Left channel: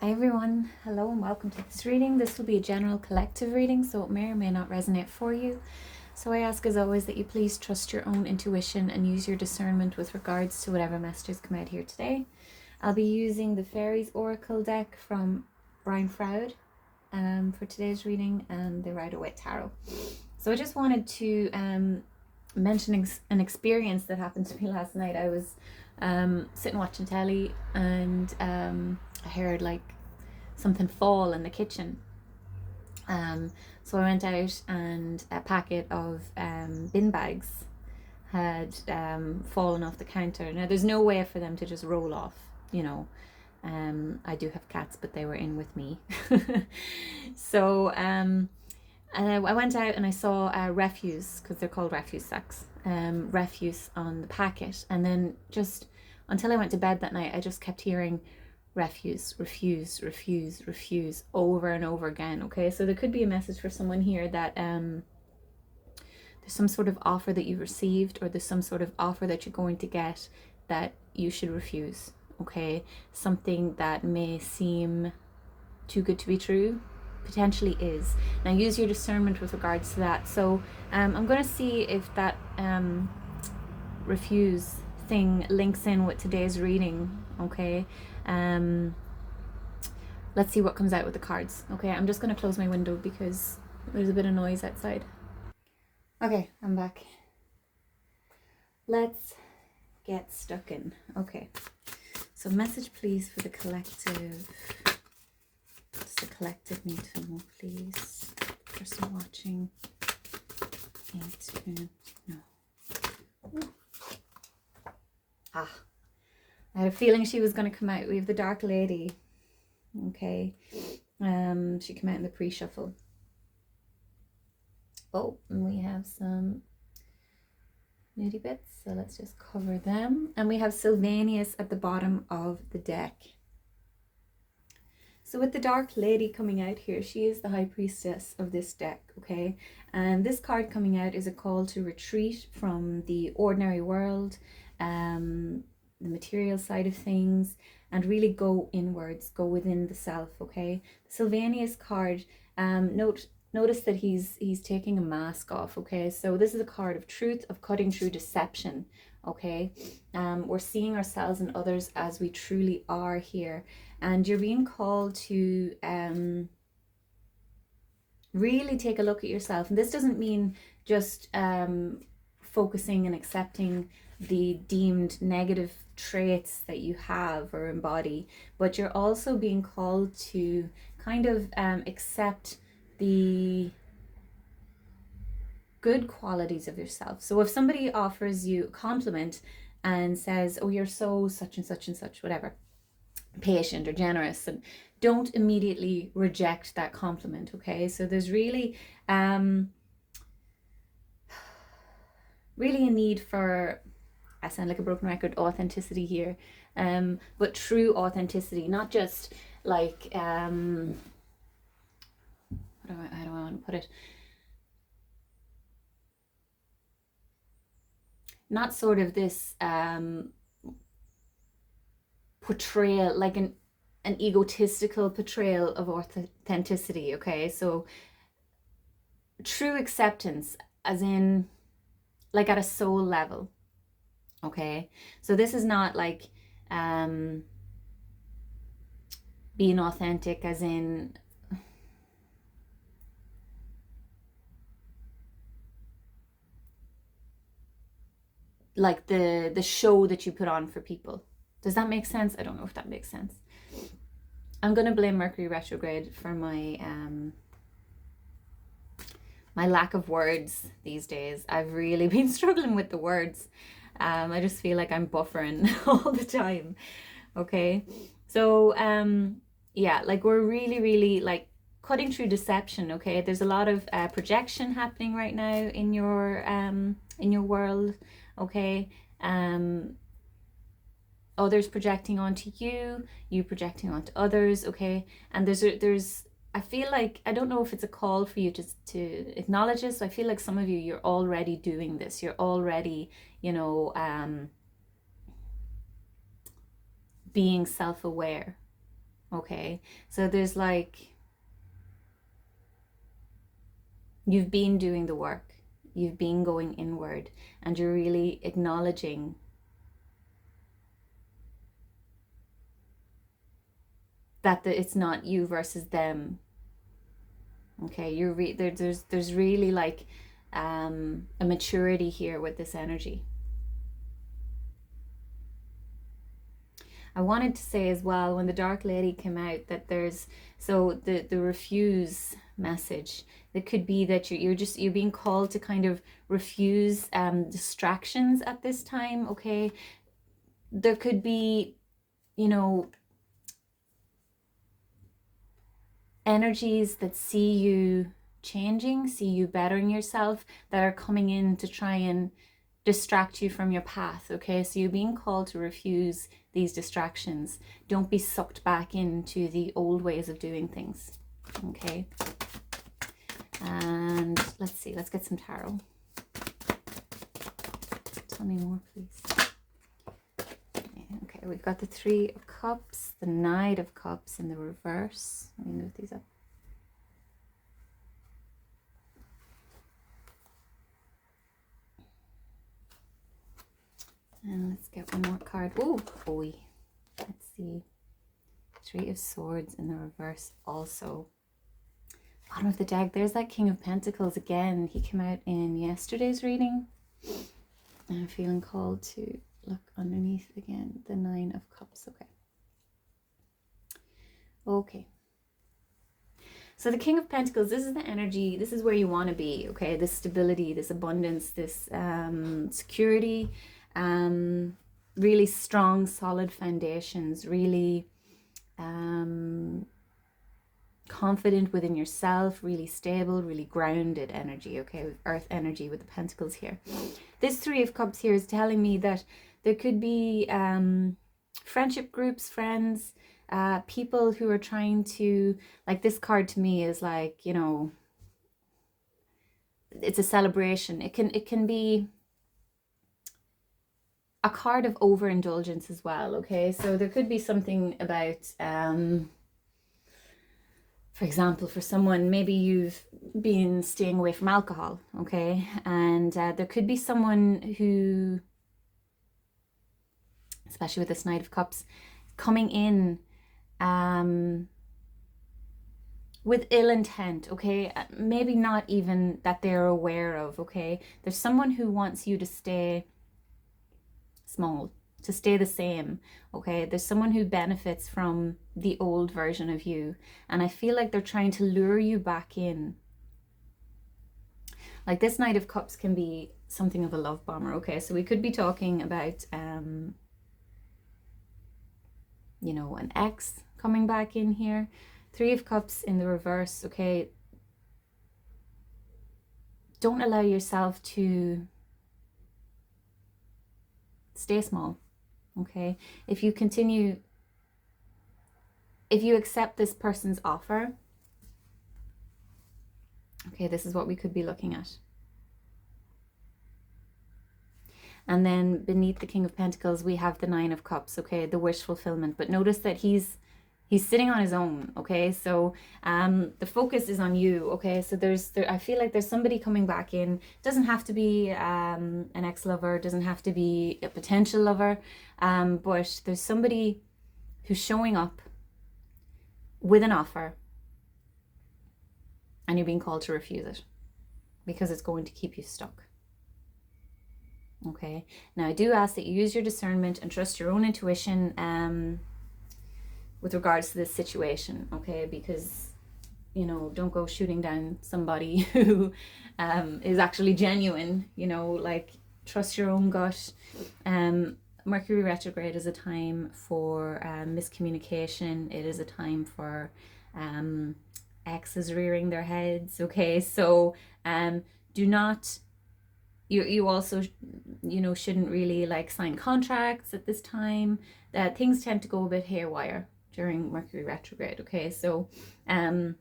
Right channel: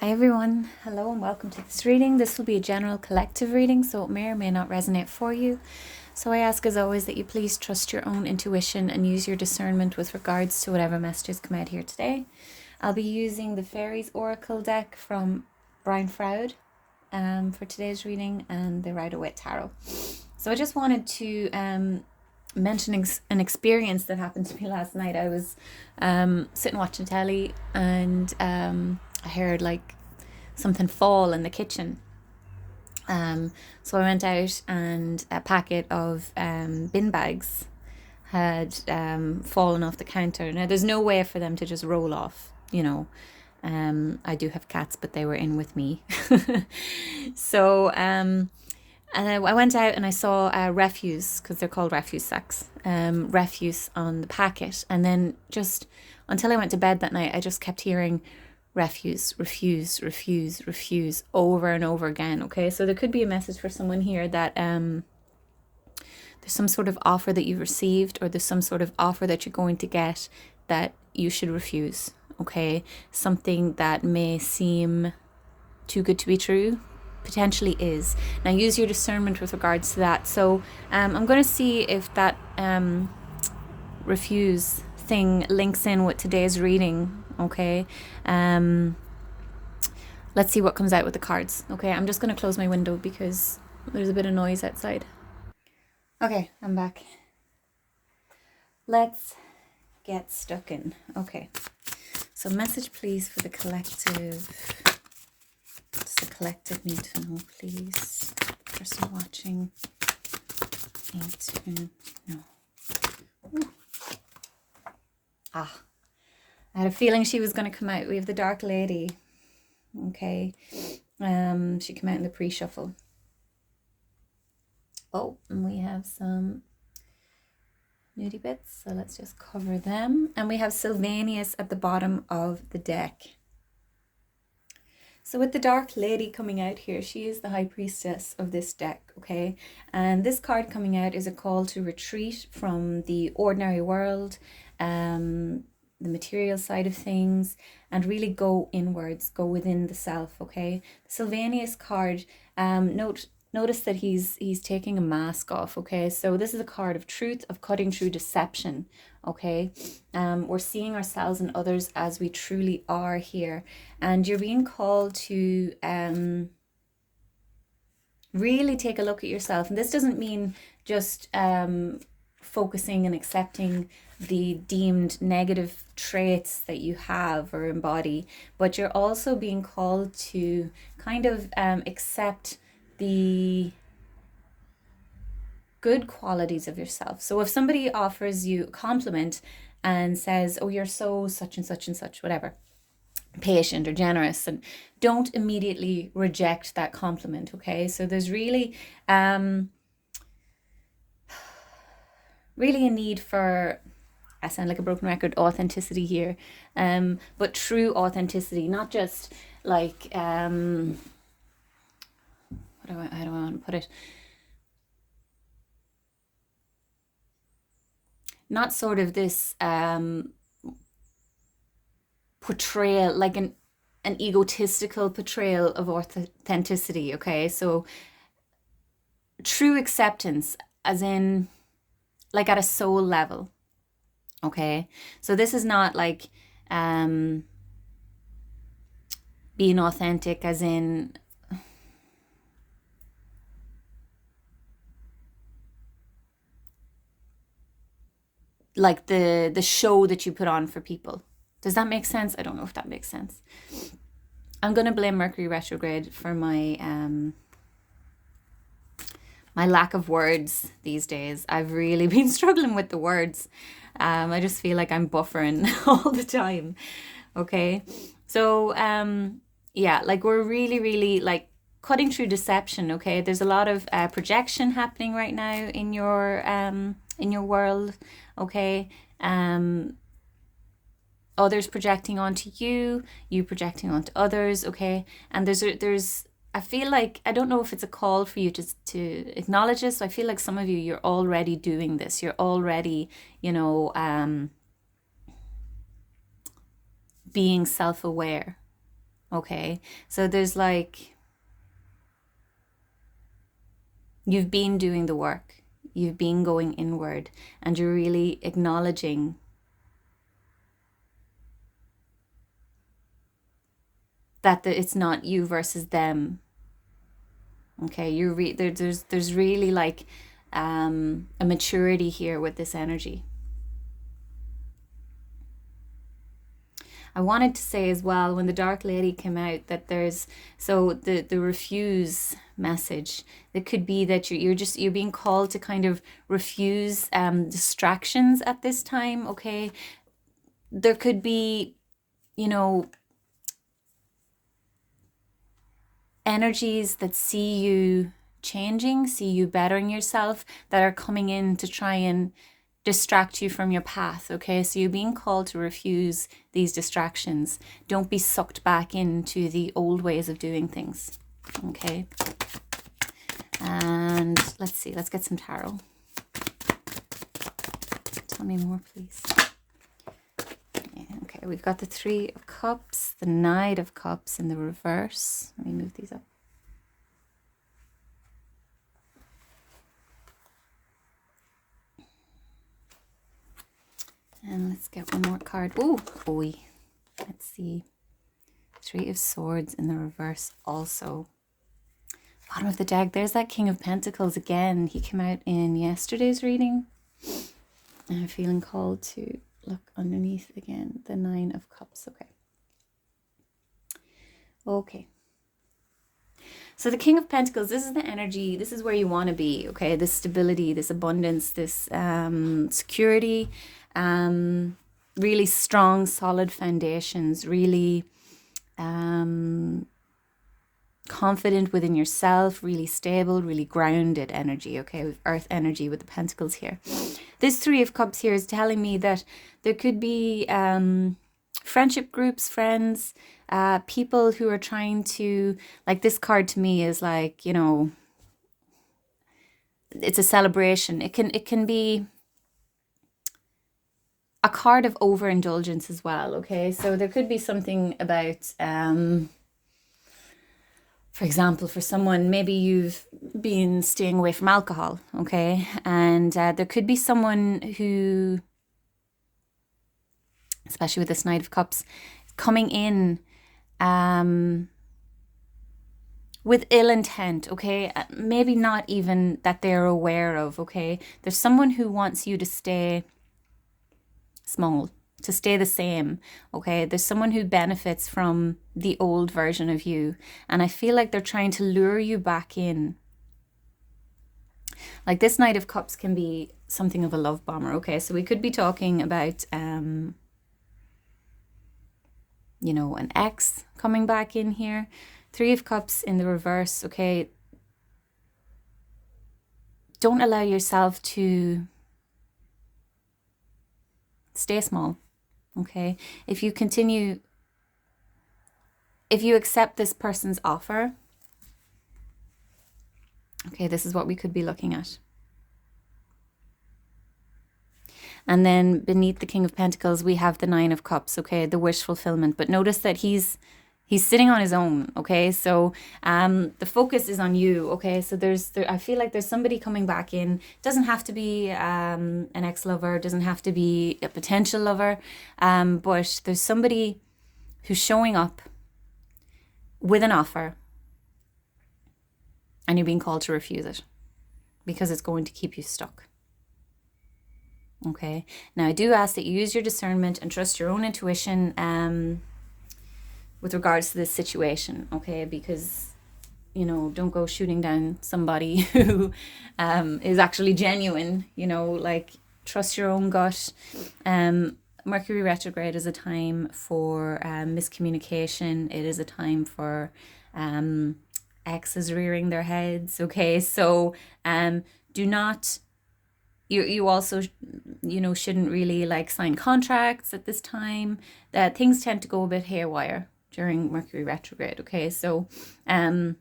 Hi everyone, hello and welcome to this reading. This will be a general collective reading, so it may or may not resonate for you. So I ask as always that you please trust your own intuition and use your discernment with regards to whatever messages come out here today. I'll be using the Fairies Oracle deck from Brian Froud for today's reading and the Rider-Waite Tarot. So I just wanted to mention an experience that happened to me last night. I was sitting watching telly and I heard like something fall in the kitchen. So I went out and a packet of bin bags had fallen off the counter. Now there's no way for them to just roll off, you know. I do have cats, but they were in with me. So and I went out and I saw refuse, because they're called refuse sacks, refuse on the packet. And then just until I went to bed that night, I just kept hearing refuse, refuse, refuse, refuse over and over again. Okay, so there could be a message for someone here that there's some sort of offer that you've received, or there's some sort of offer that you're going to get that you should refuse. Okay, something that may seem too good to be true potentially is. Now use your discernment with regards to that. So I'm going to see if that refuse thing links in with today's reading. Okay, let's see what comes out with the cards. Okay, I'm just going to close my window because there's a bit of noise outside. Okay, I'm back. Let's get stuck in. Okay, so message please for the collective. Does the collective need to know, please? Person watching need to know. Ooh. I had a feeling she was going to come out. We have the Dark Lady. Okay. She came out in the pre-shuffle. Oh, and we have some nudie bits, so let's just cover them. And we have Sylvanus at the bottom of the deck. So with the Dark Lady coming out here, she is the High Priestess of this deck, okay? And this card coming out is a call to retreat from the ordinary world, the material side of things, and really go inwards, go within the self, okay? The Sylvanus card, notice that he's taking a mask off, okay? So this is a card of truth, of cutting through deception, okay? We're seeing ourselves and others as we truly are here, and you're being called to really take a look at yourself. And this doesn't mean just focusing and accepting the deemed negative traits that you have or embody, but you're also being called to kind of accept the good qualities of yourself. So if somebody offers you a compliment and says, oh, you're so such and such and such, whatever, patient or generous, and don't immediately reject that compliment, okay? So there's really really a need for, I sound like a broken record, authenticity here, but true authenticity, not just like how do I want to put it, not sort of this portrayal, like an egotistical portrayal of authenticity, okay? So true acceptance, as in like at a soul level, okay? So this is not like being authentic as in like the show that you put on for people. Does that make sense? I don't know if that makes sense. I'm going to blame Mercury retrograde for my my lack of words these days. I've really been struggling with the words. I just feel like I'm buffering all the time. Okay, so yeah, like we're really like cutting through deception. Okay, there's a lot of projection happening right now in your world. Okay, others projecting onto you, you projecting onto others. Okay, and there's I feel like, I don't know if it's a call for you to acknowledge this. I feel like some of you, you're already doing this. You're already, you know, being self-aware. Okay, so there's like, you've been doing the work, you've been going inward, and you're really acknowledging that it's not you versus them. Okay, there's really like a maturity here with this energy. I wanted to say as well, when the Dark Lady came out, that there's, so the refuse message, it could be that you're being called to kind of refuse distractions at this time. Okay, there could be, you know, energies that see you changing, see you bettering yourself, that are coming in to try and distract you from your path. Okay, so you're being called to refuse these distractions. Don't be sucked back into the old ways of doing things. Okay, and let's see, let's get some tarot. Tell me more, please. Okay, we've got the Three of Cups, the Knight of Cups in the reverse. Let me move these up. And let's get one more card. Oh boy. Let's see. Three of Swords in the reverse also. Bottom of the deck, there's that King of Pentacles again. He came out in yesterday's reading. And I'm feeling called to look underneath again. The Nine of Cups. Okay. So the King of Pentacles, this is the energy, this is where you want to be, okay? This stability, this abundance, this security, really strong, solid foundations, really confident within yourself, really stable, really grounded energy, okay? With earth energy with the pentacles here. This Three of Cups here is telling me that there could be friendship groups, friends, people who are trying to, like, this card to me is like, you know, it's a celebration. It can be a card of overindulgence as well. Okay, so there could be something about for example, for someone, maybe you've been staying away from alcohol, okay, and there could be someone who, especially with this Knight of Cups, coming in with ill intent, okay? Maybe not even that they're aware of, okay? There's someone who wants you to stay small, to stay the same, okay? There's someone who benefits from the old version of you, and I feel like they're trying to lure you back in. Like, this Knight of Cups can be something of a love bomber, okay? So we could be talking about you know, an ex coming back in here. Three of Cups in the reverse, okay? Don't allow yourself to stay small, okay? If you continue, if you accept this person's offer, okay, this is what we could be looking at. And then beneath the King of Pentacles, we have the Nine of Cups, okay, the wish fulfillment. But notice that he's sitting on his own, okay? So the focus is on you, okay? So I feel like there's somebody coming back in. It doesn't have to be an ex-lover, doesn't have to be a potential lover, but there's somebody who's showing up with an offer, and you're being called to refuse it because it's going to keep you stuck. Okay, now I do ask that you use your discernment and trust your own intuition with regards to this situation, okay? Because, you know, don't go shooting down somebody who is actually genuine, you know, like, trust your own gut. Mercury retrograde is a time for miscommunication. It is a time for exes rearing their heads, okay? So do not... You also, you know, shouldn't really like sign contracts at this time. That things tend to go a bit haywire during Mercury retrograde, okay? So the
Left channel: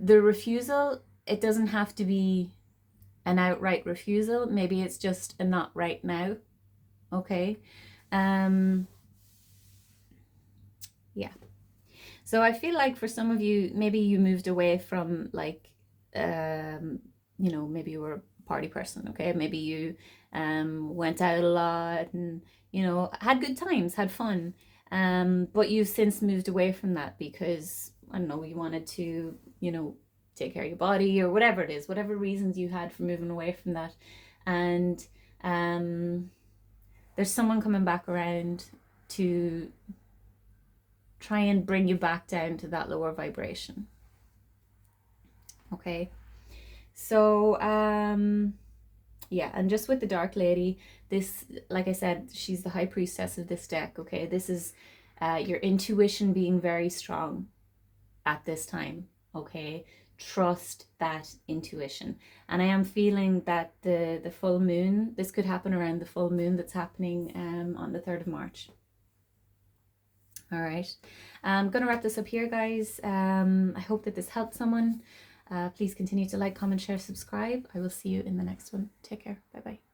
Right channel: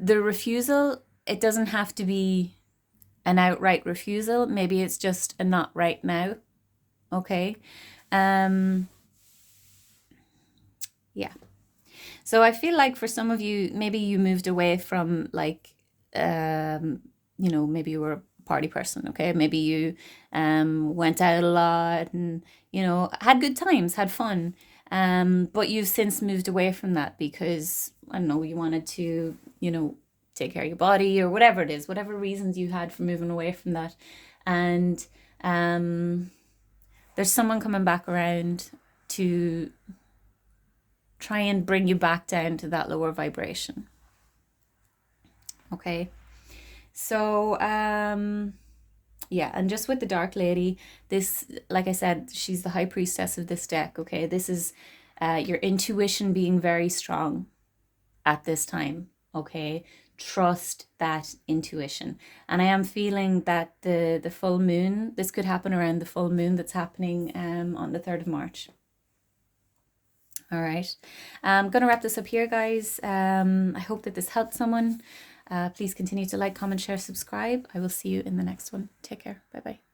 refusal, it doesn't have to be an outright refusal. Maybe it's just a not right now, okay? Yeah. So I feel like for some of you, maybe you moved away from like, maybe you were a party person, okay? Maybe you went out a lot and, had good times, had fun. But you've since moved away from that because, I don't know, you wanted to, take care of your body or whatever it is, whatever reasons you had for moving away from that. And um, there's someone coming back around to try and bring you back down to that lower vibration. Okay. So, yeah, and just with the Dark Lady, this, like I said, she's the high priestess of this deck. Okay. This is your intuition being very strong at this time. Okay. Trust that intuition. And I am feeling that the full moon, this could happen around the full moon that's happening on the 3rd of March. All right. I'm going to wrap this up here, guys. I hope that this helped someone. Please continue to like, comment, share, subscribe. I will see you in the next one. Take care. Bye bye.